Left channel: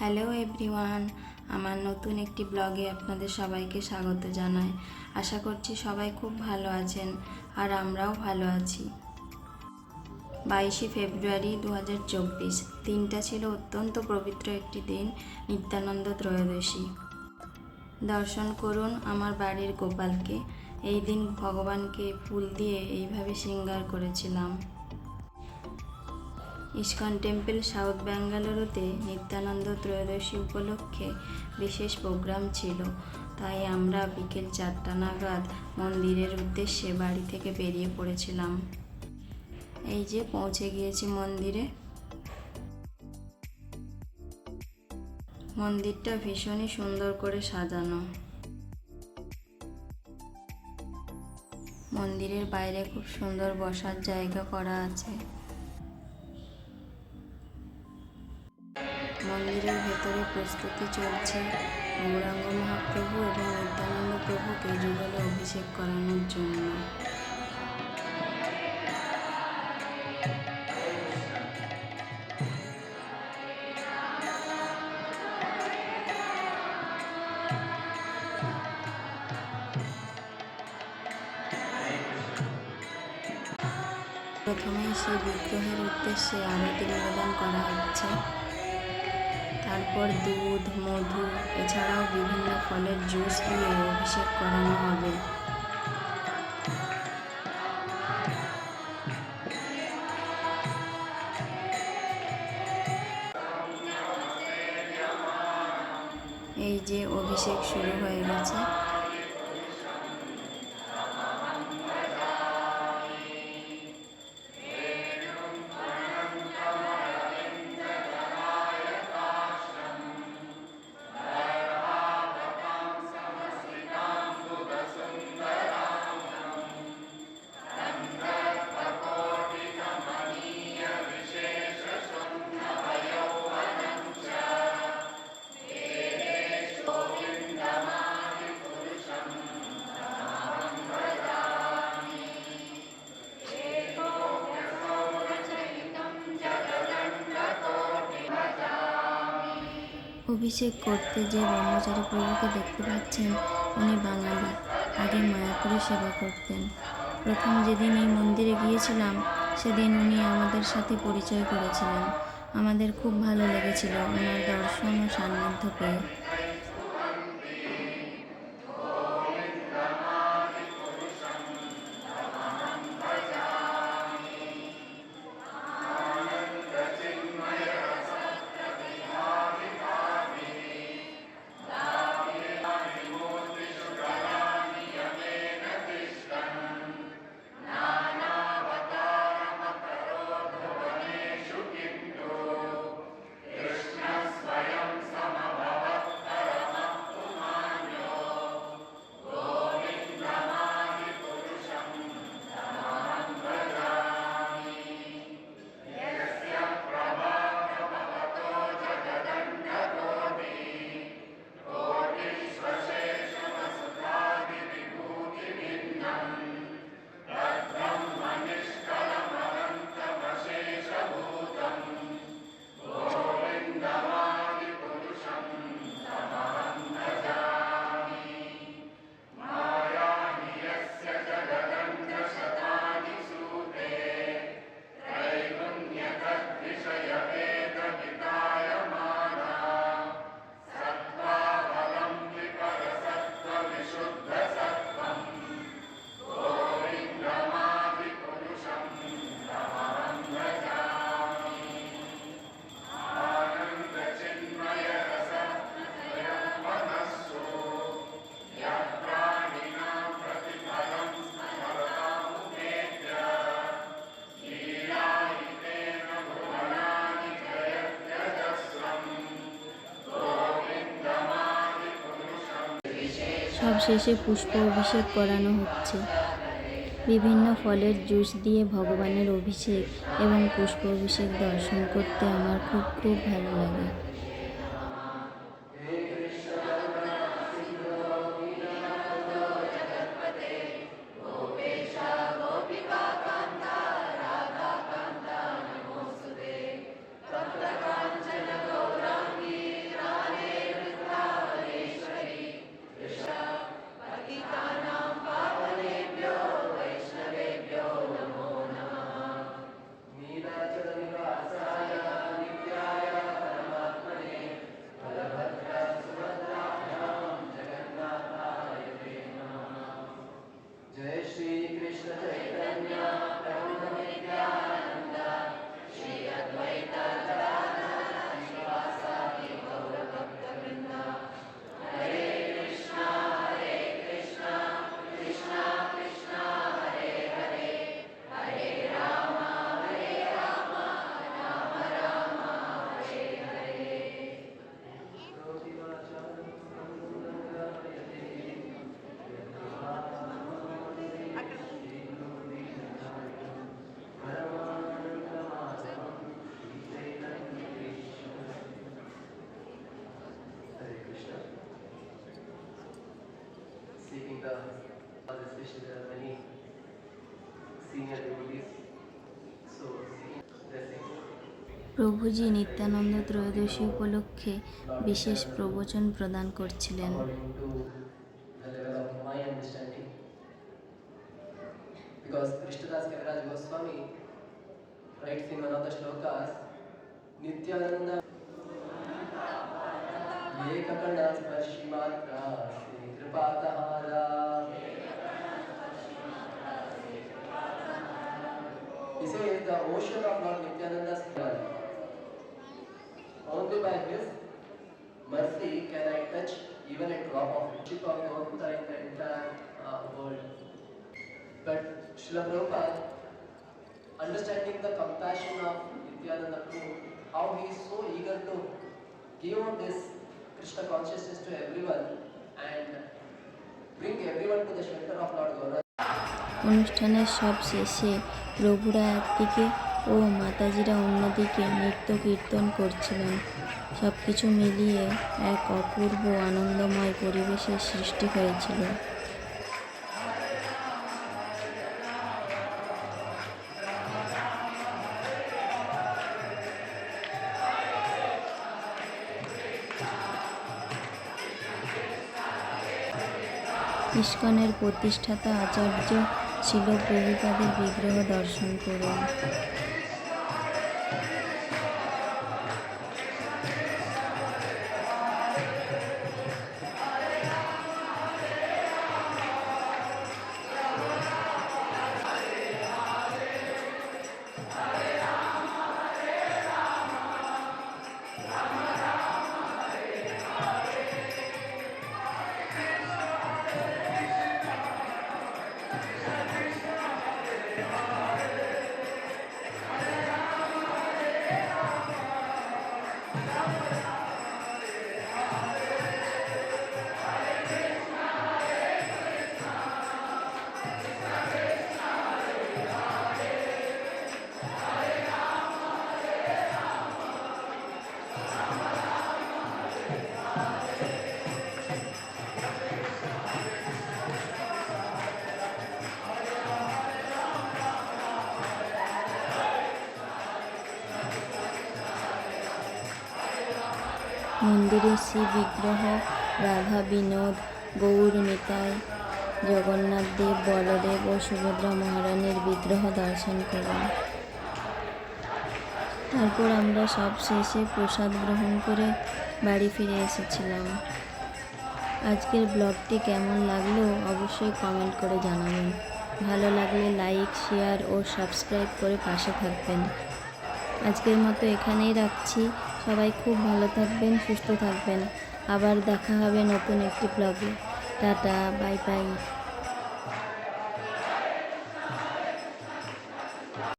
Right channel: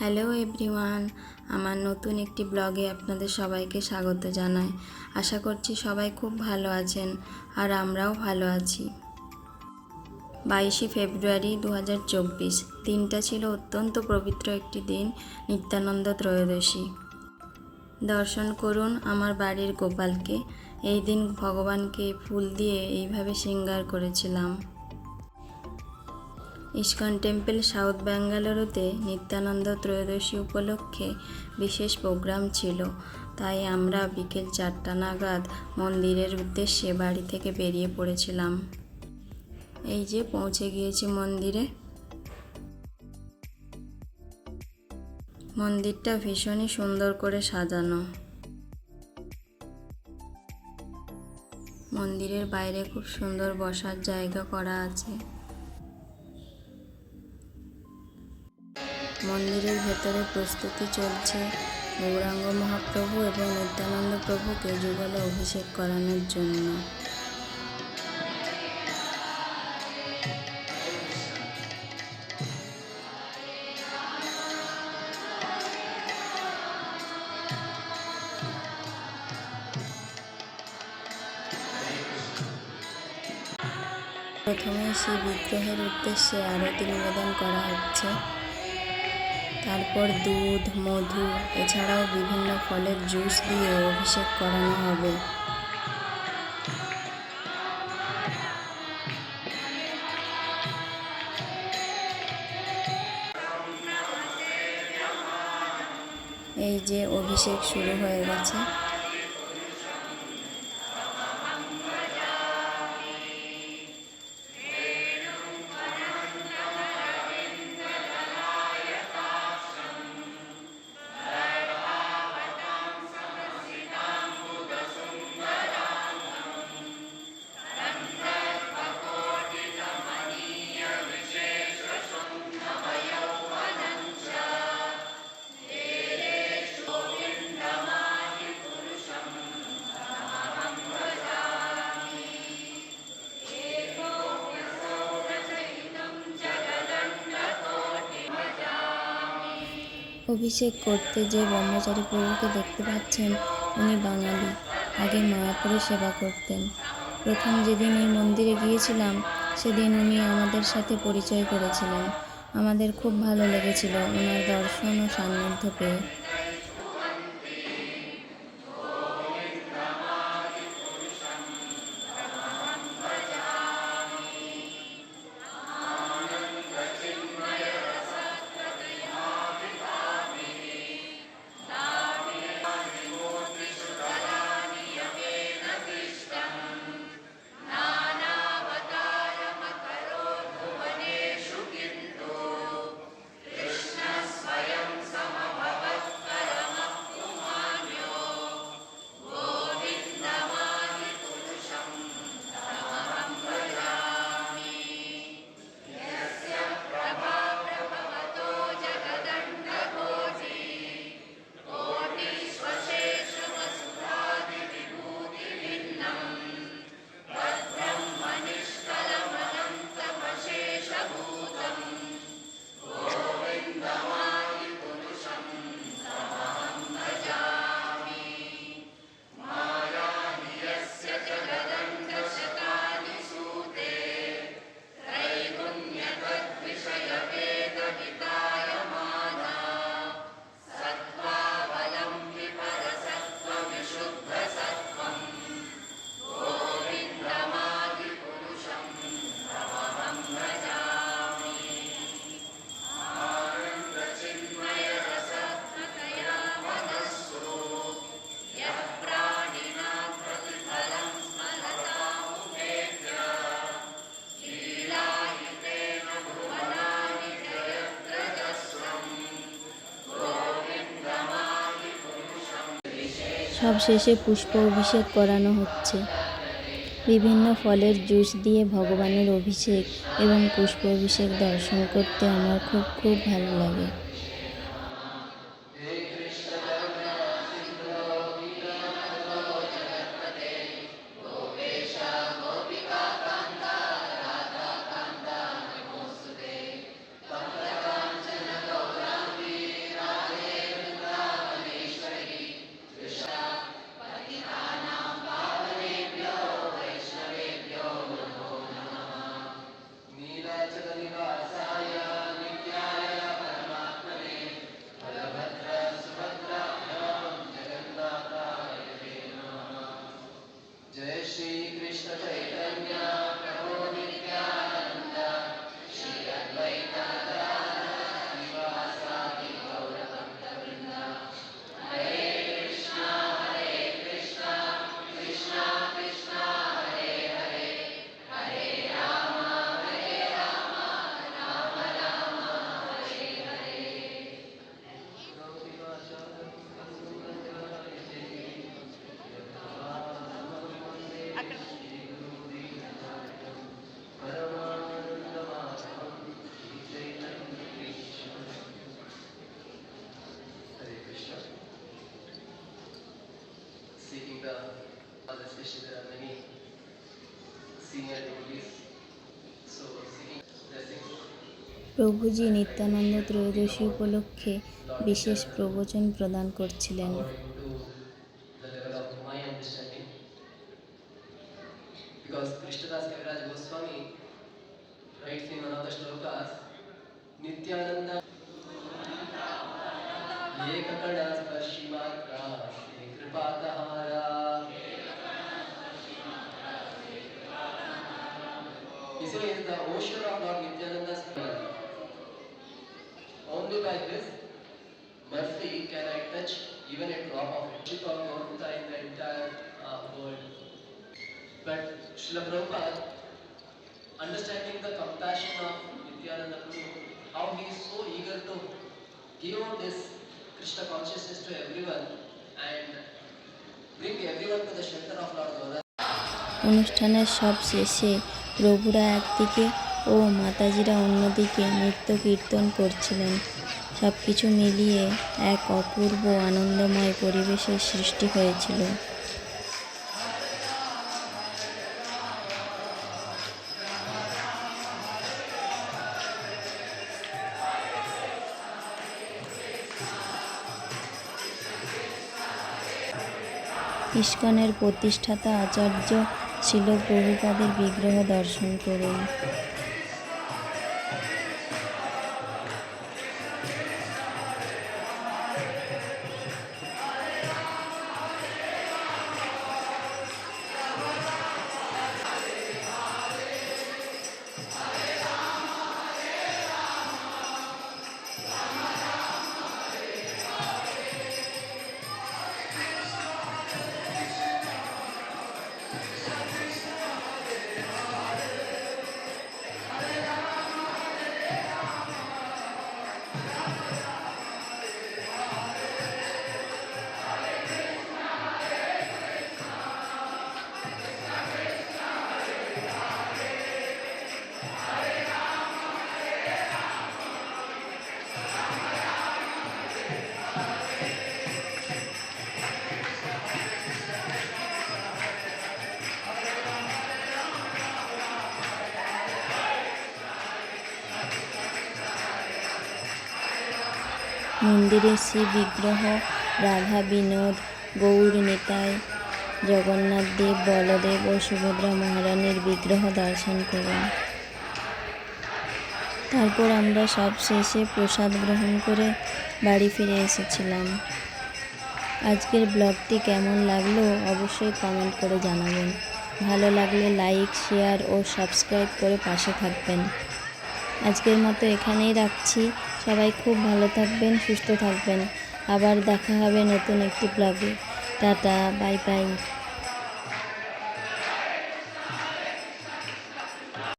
Hello everyone, আমার নতুন একটি ব্লগে আপনাদের সবাইকে স্বাগত জানাই। আশা করছি সবাই খুব ভালো আছেন আর আমরাও ভালো আছি। বাইশে ফেব্রুয়ারি দু হাজার চব্বিশ, দিনটা ছিল অত্যন্ত পবিত্র একটি দিন, নিত্যানন্দ ত্রয়োদশী। দর্শন করুন আমার বাড়ির গোপালকে। এই দিন ভগবানকে ফুল দিয়ে এইভাবে শৃঙ্গার করেছিলাম। ইস্কন টেম্পল সাউথ ব্যাঙ্গালুরুতে নিত্যানন্দ ত্রয়োদশী উপলক্ষে বিশেষ প্রোগ্রাম ছিল। তাই আমরা বিকেল চারটা নাগাদ মন্দিরের উদ্দেশ্যে বাড়ি থেকে বেরিয়ে পড়েছিলাম। এই যে পৌঁছে গিয়েছি মন্দিরে। মন্দিরটা ভীষণই সুন্দর করে সাজানো। মন্দিরের বাইরে খুব সুন্দর বসার জায়গা করা আছে। মন্দিরের ভেতরে প্রস্তুতি চলছে। গৌরাঙ্গ মহাপ্রভু এবং নিত্যানন্দ প্রভুকে যুগলে অভিষেক করানোর জন্য। প্রথমে সেই বিগ্রহের উদ্দেশ্যে আরতি নিবেদন করা হচ্ছে। তারপর দুধ, মধু, এছাড়াও বিভিন্ন ফলের জুস দিয়ে অভিষেক করানো হবে। এই যে অভিষেক শুরু হয়ে গেছে। অভিষেক করতে যে ব্রহ্মচারী প্রভুকে দেখতে পাচ্ছেন, উনি বাঙালি। আগে মায়াপুরে সেবা করতেন। প্রথম যেদিন এই মন্দিরে গিয়েছিলাম, সেদিন উনি আমাদের সাথে পরিচয় করেছিলেন। আমাদের খুব ভালো লেগেছিল ওনার দর্শন ও সান্নিধ্য পেয়ে। সব শেষে পুষ্প অভিষেক করানো হচ্ছে। বিভিন্ন ফলের জুস দিয়ে ভগবানের অভিষেক এবং পুষ্প অভিষেক দর্শন করতে আমার খুব খুব ভালো লাগে। প্রভুজি নিত্যানন্দ ত্রয়োদশী উপলক্ষে বিশেষ প্রবচন প্রদান করছিলেন Is the ocean of Lord Nityananda's blood. only by his mercy can I touch even a drop of it. Chip of Gauta in the entire uh, world. But Srila Prabhupada, understanding the compassion of Nityananda Prabhu, how he is so eager to give this Krishna consciousness to everyone and bring everyone to the shelter of Lord Goda. অনুষ্ঠানের সব শেষে প্রভুরা একদিকে ও মাতাজিরা অন্যদিকে নৃত্য কীর্তন করছিলেন। সব কিছু মিলিয়ে এক অপূর্ব আনন্দময় পরিবেশের সৃষ্টি হয়েছিল। ইস্কনের প্রতিষ্ঠাতা আচার্য ছিল প্রভুপাদের বিগ্রহ দর্শন করুন Yeah. মন্দিরে শ্রী বিগ্রহ রাধা বিনোদ, গৌর নিতাই, জগন্নাথ দেব, বলদেব ও সুভদ্রা মহারানীর বিগ্রহ দর্শন করুন। তারপর আমরা সব শেষে প্রসাদ গ্রহণ করে বাড়ি ফিরে এসেছিলাম। আজকের ব্লগটি কেমন লাগল অবশ্যই কমেন্ট করে জানাবেন। ভালো লাগলে লাইক, শেয়ার ও সাবস্ক্রাইব করে পাশে থাকবেন। আজকের মতো এখানেই রাখছি। সবাই খুব ভালো থাকবেন, সুস্থ থাকবেন। আবার দেখা হবে নতুন একটি ব্লগে টাটা বাই বাই